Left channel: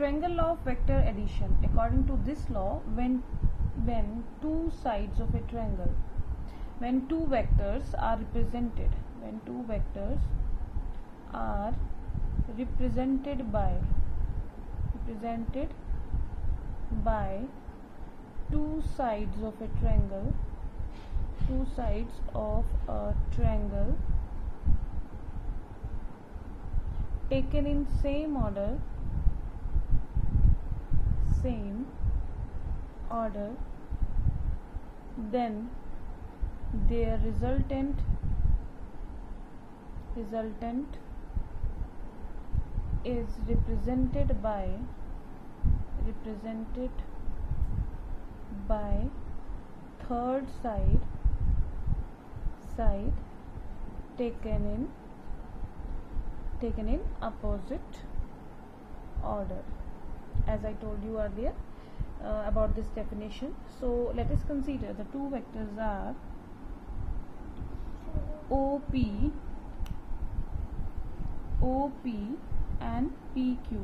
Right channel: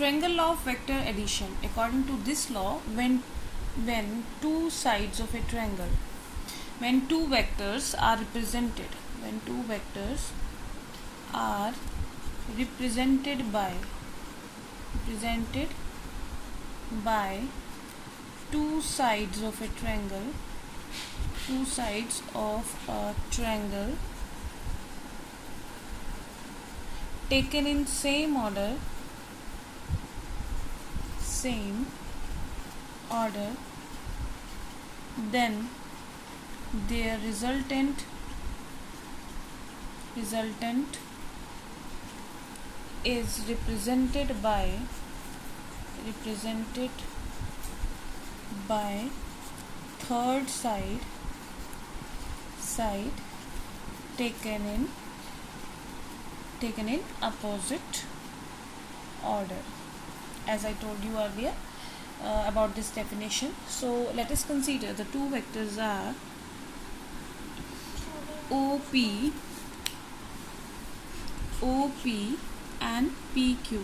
Triangle of vector addition. According to this law, when two sides of a triangle, when two vectors are represented, represented by two sides of a triangle, taken in same order, then their resultant is represented by third side taken in opposite order, as I told you earlier about this definition. So let us consider the two vectors are OP and PQ.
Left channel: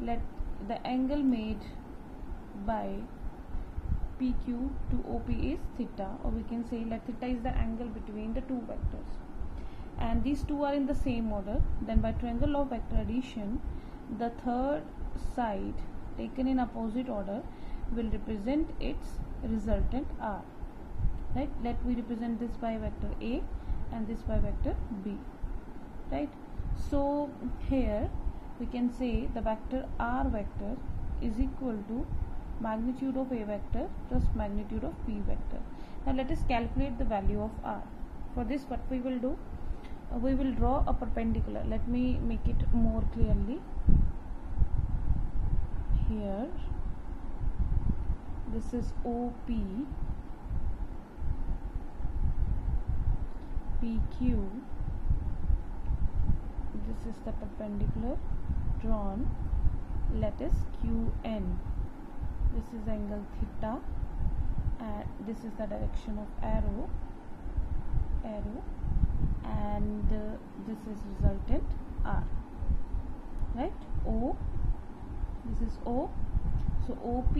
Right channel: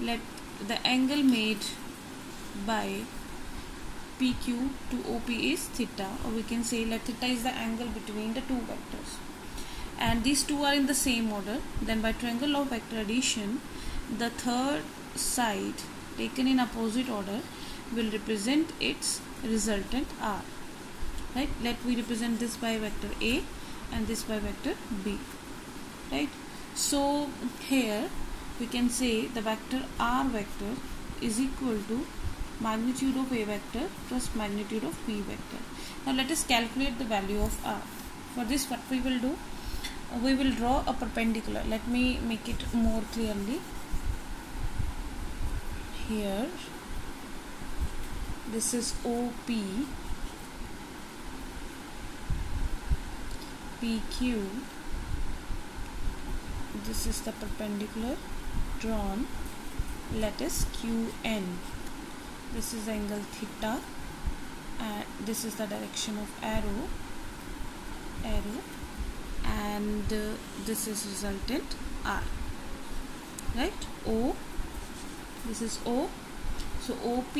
Let the angle made by PQ to OP is theta, or we can say let theta is the angle between the two vectors, and these two are in the same order. Then by triangle of vector addition, the third side taken in opposite order will represent its resultant R. Right? Let we represent this by vector A and this by vector B. Right? So here we can say the vector R vector is equal to magnitude of A vector plus magnitude of B vector. Now let us calculate the value of R. For this, what we will do, we will draw a perpendicular. Let me make it more clearly. Here, this is OP, PQ, this is the perpendicular drawn. Let us QN, this is angle theta, and this is the direction of arrow, and this is resultant R. Right? O, this is O. So OP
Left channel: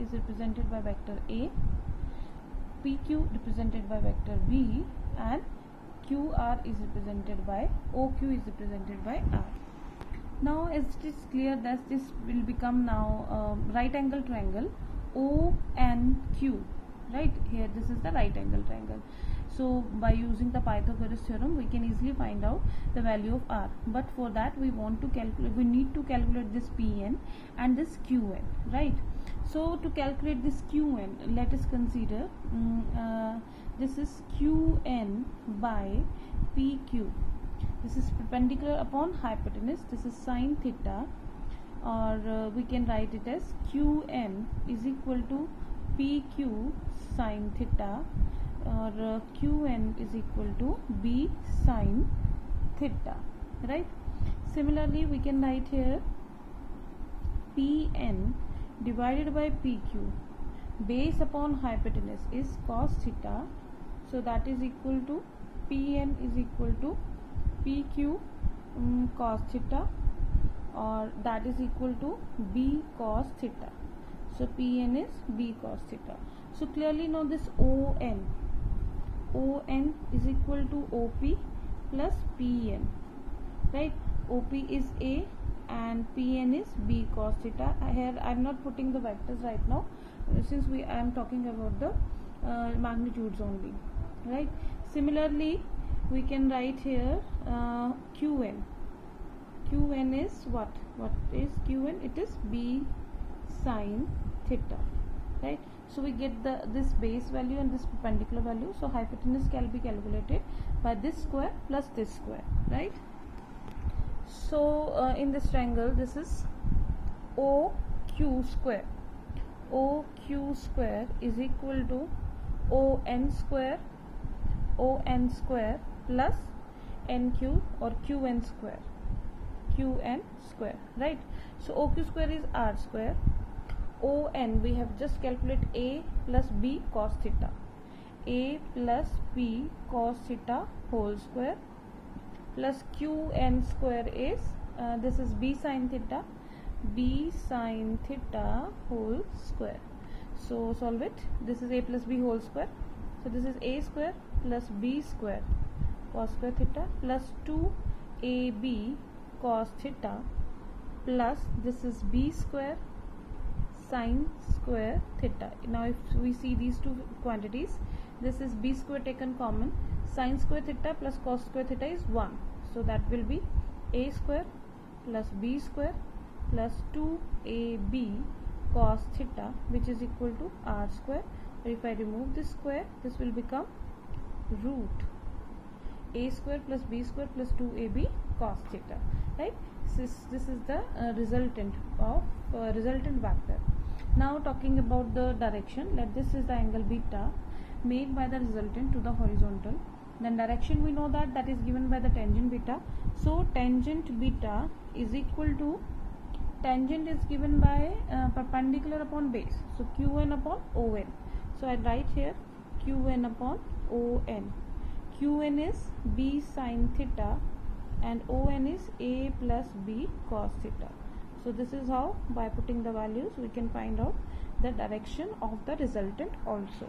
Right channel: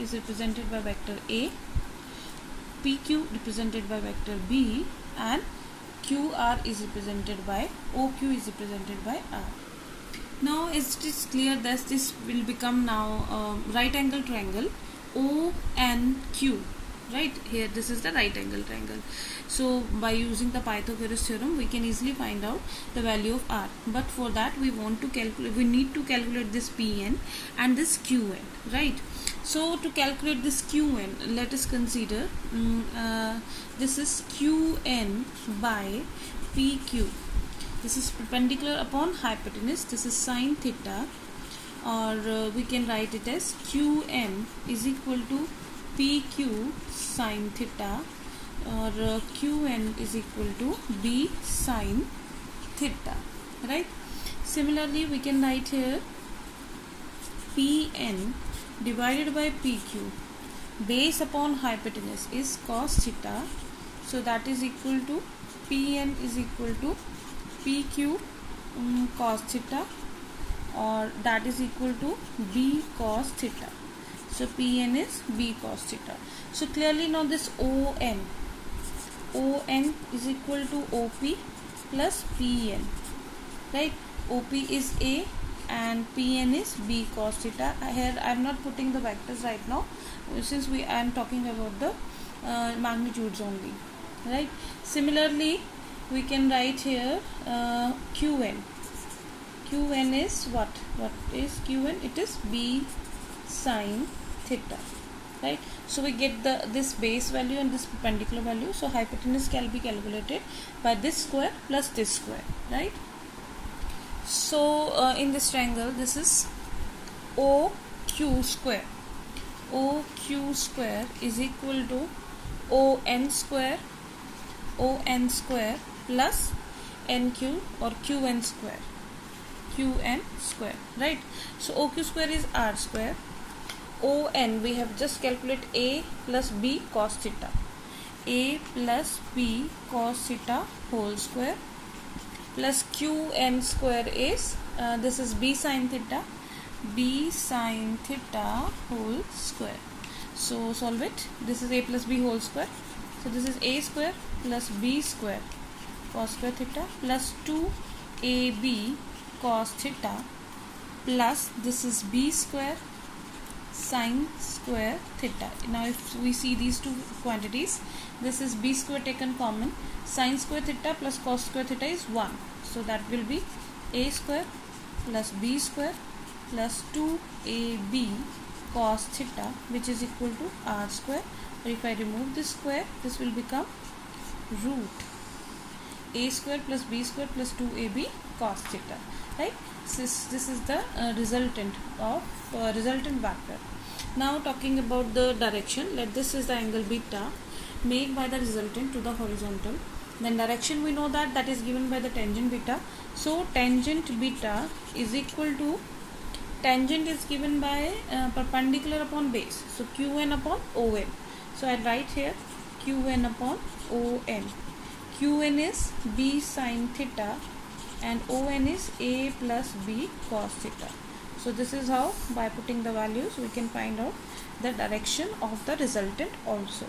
is represented by vector A, PQ represented by vector B, and QR is represented by OQ is represented by R. Now as it is clear that this will become now right angle triangle ONQ. Right here, this is the right angle triangle. So by using the Pythagoras theorem, we can easily find out the value of R. But for that, we need to calculate this Pn and this Qn. Right. So to calculate this Qn, let us consider this is Qn by PQ. This is perpendicular upon hypotenuse. This is sine theta, or we can write it as Qn is equal to PQ sine theta, or Qn is equal to B sine theta. Right? Similarly, we can write here Pn divided by PQ, base upon hypotenuse is cos theta, so that is equal to Pn is equal to PQ cos theta, or that is equal to B cos theta. So Pn is B cos theta. So clearly now this ON is equal to OP plus Pn. Right? OP is A and Pn is B cos theta. Here I am not putting the vectors right now, since I am talking about the magnitudes only. Right? Similarly, we can write here Qn. Qn is what? What is Qn? It is B sine theta. Right? So we get this base value and this perpendicular value. So hypotenuse can be calculated by this square plus this square. Right? So in this triangle, this is OQ square. OQ square is equal to ON square plus NQ or QN square. Right? So OQ square is R square. ON, we have just calculated A plus B cos theta. A plus B cos theta whole square plus Qn square is this is b sine theta whole square. So solve it. This is a plus b whole square. So this is a square plus b square cos square theta plus 2ab cos theta plus this is b square sine square theta. Now if we see these two quantities, this is b square taken common, sine square theta plus cos square theta is 1. So that will be a square plus b square plus 2ab cos theta, which is equal to r square. Or if I remove this square, this will become root a square plus b square plus 2ab cos theta, right? This is the resultant of resultant vector. Now talking about the direction, let this is the angle beta made by the resultant to the horizontal. Then direction we know that is given by the tangent beta. So tangent beta is equal to, tangent is given by perpendicular upon base, so qn upon on. So I write here qn upon on. qn is b sine theta and on is a plus b cos theta. So this is how, by putting the values, we can find out the direction of the resultant also.